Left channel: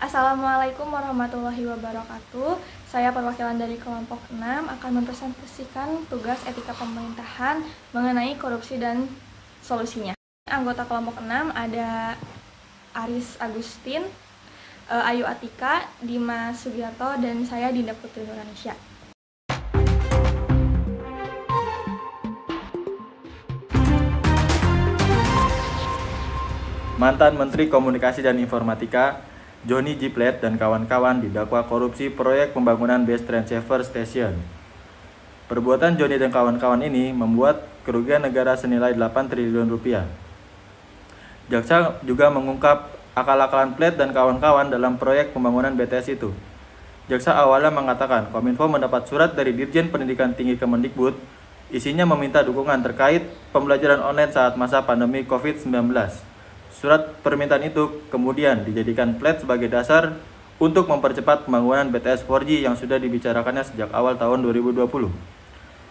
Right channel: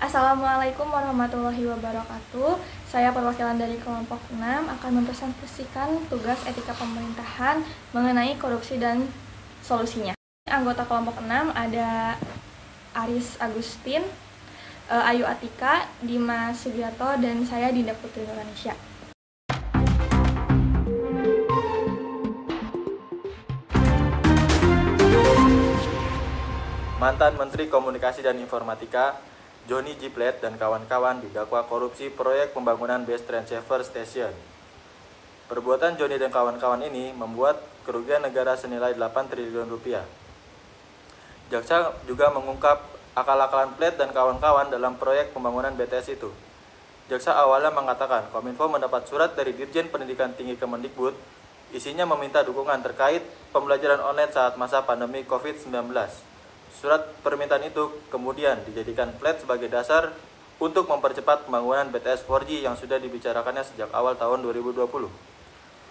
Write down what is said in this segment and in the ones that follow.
Assalamualaikum warahmatullahi wabarakatuh. Saya perwakilan dari kelompok 6 akan mempresentasikan tugas etika pemerintahan mengenai korupsi dan solusinya. Anggota kelompok 6 ada Aris Agustin, Ayu Atika, Dimas Sugiarto, dan saya Dinda Putri Nuranisya. Mantan Menteri Komunikasi dan Informatika Johnny G. Plate dan kawan-kawan didakwa korupsi proyek pembangunan base transceiver station. Perbuatan Johnny dan kawan-kawan ini membuat kerugian negara senilai 8 triliun rupiah. Jaksa juga mengungkap akal-akalan Plate dan kawan-kawan dalam proyek pembangunan BTS itu. Jaksa awalnya mengatakan Kominfo mendapat surat dari Dirjen Pendidikan Tinggi Kemendikbud, isinya meminta dukungan terkait pembelajaran online saat masa pandemi COVID-19. Surat permintaan itu kemudian dijadikan Plate sebagai dasar untuk mempercepat pembangunan BTS 4G yang sudah dibicarakannya sejak awal tahun 2020.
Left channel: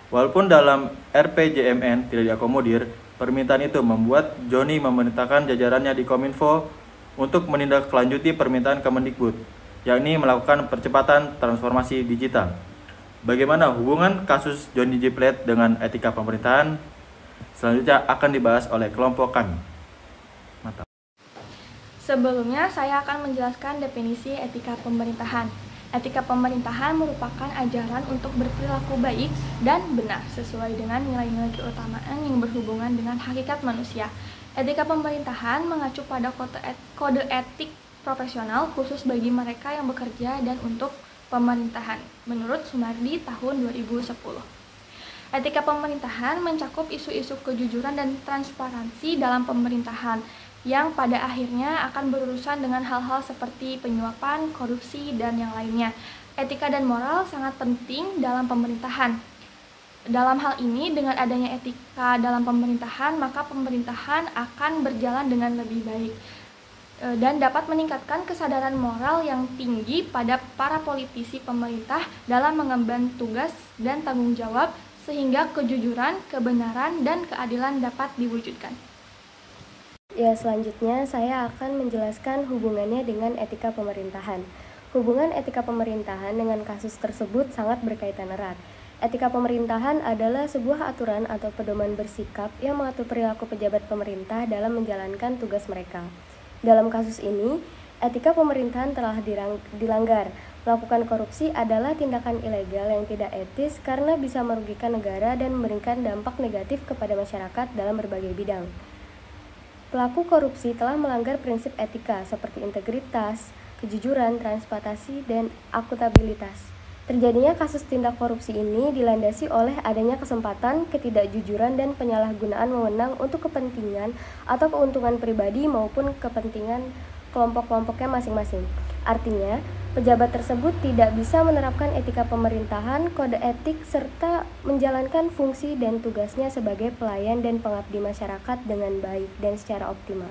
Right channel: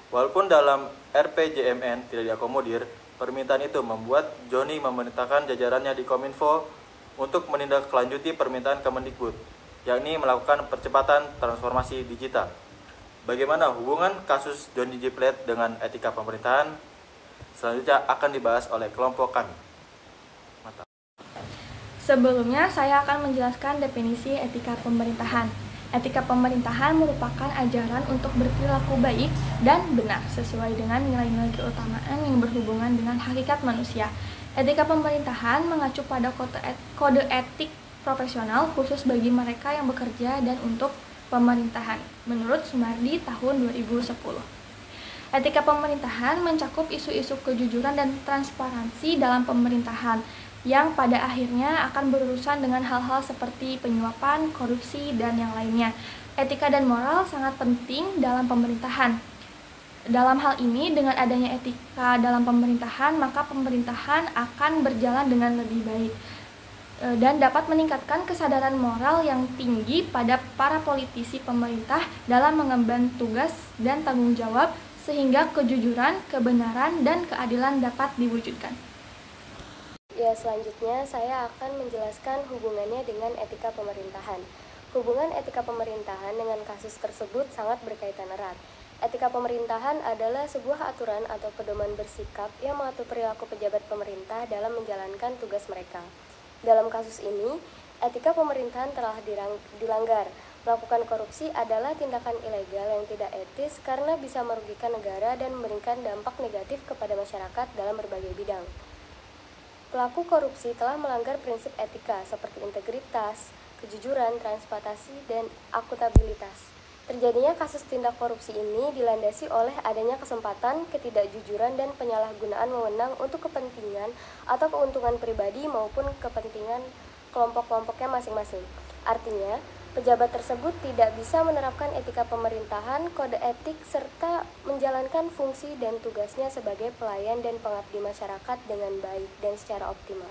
Walaupun dalam RPJMN tidak diakomodir, permintaan itu membuat Johnny memerintahkan jajarannya di Kominfo untuk menindaklanjuti permintaan Kemendikbud, yakni melakukan percepatan transformasi digital. Bagaimana hubungan kasus Johnny G. Plate dengan etika pemerintahan? Selanjutnya akan dibahas oleh kelompok kami. Sebelumnya, saya akan menjelaskan definisi etika pemerintahan. Etika pemerintahan merupakan ajaran untuk berperilaku baik dan benar sesuai dengan nilai-nilai keutamaan yang berhubungan dengan hakikat manusia. Etika pemerintahan mengacu pada kode etik profesional khusus bagi mereka yang bekerja dan untuk pemerintahan, menurut Sumardi tahun 2010. Etika pemerintahan mencakup isu-isu kejujuran dan transparansi dalam pemerintahan yang pada akhirnya akan berurusan dengan hal-hal seperti penyuapan, korupsi, dan yang lainnya. Etika dan moral sangat penting dalam pemerintahan. Dalam hal ini, dengan adanya etika dalam pemerintahan, maka pemerintahan akan berjalan dengan lebih baik dan dapat meningkatkan kesadaran moral yang tinggi pada para politisi pemerintah dalam mengemban tugas dan tanggung jawab sehingga kejujuran, kebenaran, dan keadilan dapat diwujudkan. Ya, selanjutnya saya akan menjelaskan hubungannya dengan etika pemerintahan. Hubungan etika pemerintahan dengan kasus tersebut sangat berkaitan erat. Etika pemerintahan adalah sebuah aturan atau pedoman bersikap yang mengatur perilaku pejabat pemerintah dalam menjalankan tugas mereka. Dalam kasus ini, etika pemerintahan telah dilanggar. Melakukan korupsi adalah tindakan ilegal yang tidak etis karena bisa merugikan negara dan memberikan dampak negatif kepada masyarakat dalam berbagai bidang. Pelaku korupsi telah melanggar prinsip etika seperti integritas, kejujuran, transparansi, dan akuntabilitas. Terjadinya kasus tindak korupsi ini dilandasi oleh adanya kesempatan, ketidakjujuran, dan penyalahgunaan wewenang untuk kepentingan atau keuntungan pribadi maupun kepentingan kelompok-kelompoknya masing-masing. Artinya, pejabat tersebut tidak bisa menerapkan etika pemerintahan, kode etik, serta menjalankan fungsi dan tugasnya sebagai pelayan dan pengabdi masyarakat dengan baik dan secara optimal.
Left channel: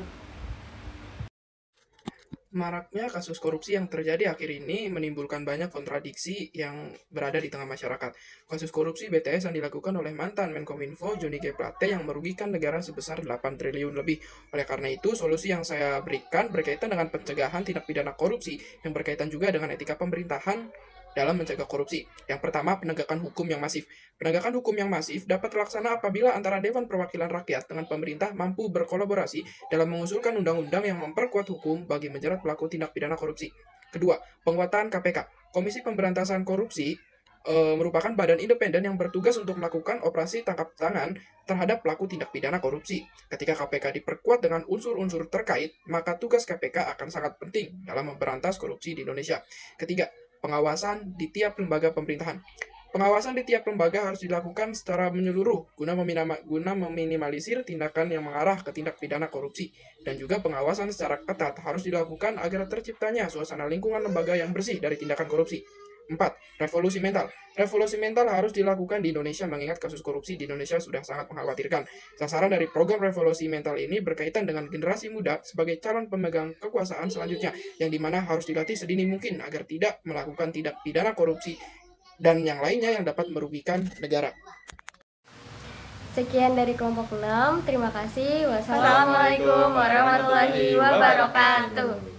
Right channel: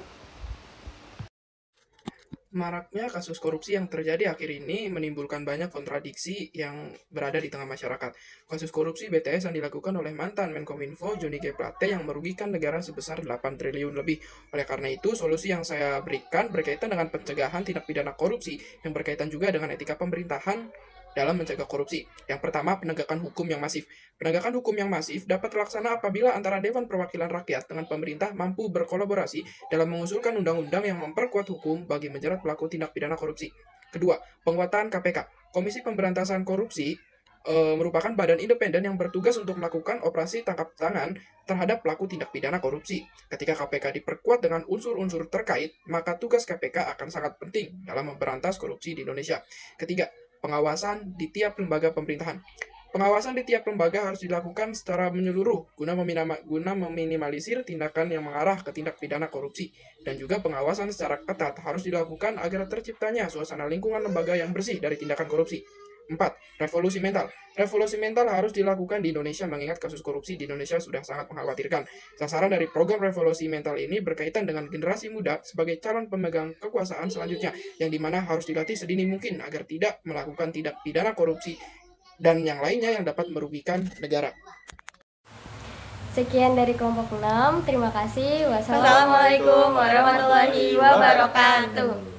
Maraknya kasus korupsi yang terjadi akhir ini menimbulkan banyak kontradiksi yang berada di tengah masyarakat. Kasus korupsi BTS yang dilakukan oleh mantan Menkominfo Johnny G. Plate yang merugikan negara sebesar 8 triliun lebih. Oleh karena itu, solusi yang saya berikan berkaitan dengan pencegahan tindak pidana korupsi yang berkaitan juga dengan etika pemerintahan dalam mencegah korupsi. Yang pertama, penegakan hukum yang masif. Penegakan hukum yang masif dapat terlaksana apabila antara Dewan Perwakilan Rakyat dengan pemerintah mampu berkolaborasi dalam mengusulkan undang-undang yang memperkuat hukum bagi menjerat pelaku tindak pidana korupsi. Kedua, penguatan KPK. Komisi Pemberantasan Korupsi merupakan badan independen yang bertugas untuk melakukan operasi tangkap tangan terhadap pelaku tindak pidana korupsi. Ketika KPK diperkuat dengan unsur-unsur terkait, maka tugas KPK akan sangat penting dalam memberantas korupsi di Indonesia. Ketiga, pengawasan di tiap lembaga pemerintahan. Pengawasan di tiap lembaga harus dilakukan secara menyeluruh guna meminimalisir tindakan yang mengarah ke tindak pidana korupsi. Dan juga pengawasan secara ketat harus dilakukan agar terciptanya suasana lingkungan lembaga yang bersih dari tindakan korupsi. 4. Revolusi mental. Revolusi mental harus dilakukan di Indonesia mengingat kasus korupsi di Indonesia sudah sangat mengkhawatirkan. Sasaran dari program revolusi mental ini berkaitan dengan generasi muda sebagai calon pemegang kekuasaan selanjutnya, yang dimana harus dilatih sedini mungkin agar tidak melakukan tindak pidana korupsi dan yang lainnya yang dapat merugikan negara. Sekian dari kelompok 6. Terima kasih. Wassalamualaikum warahmatullahi wabarakatuh.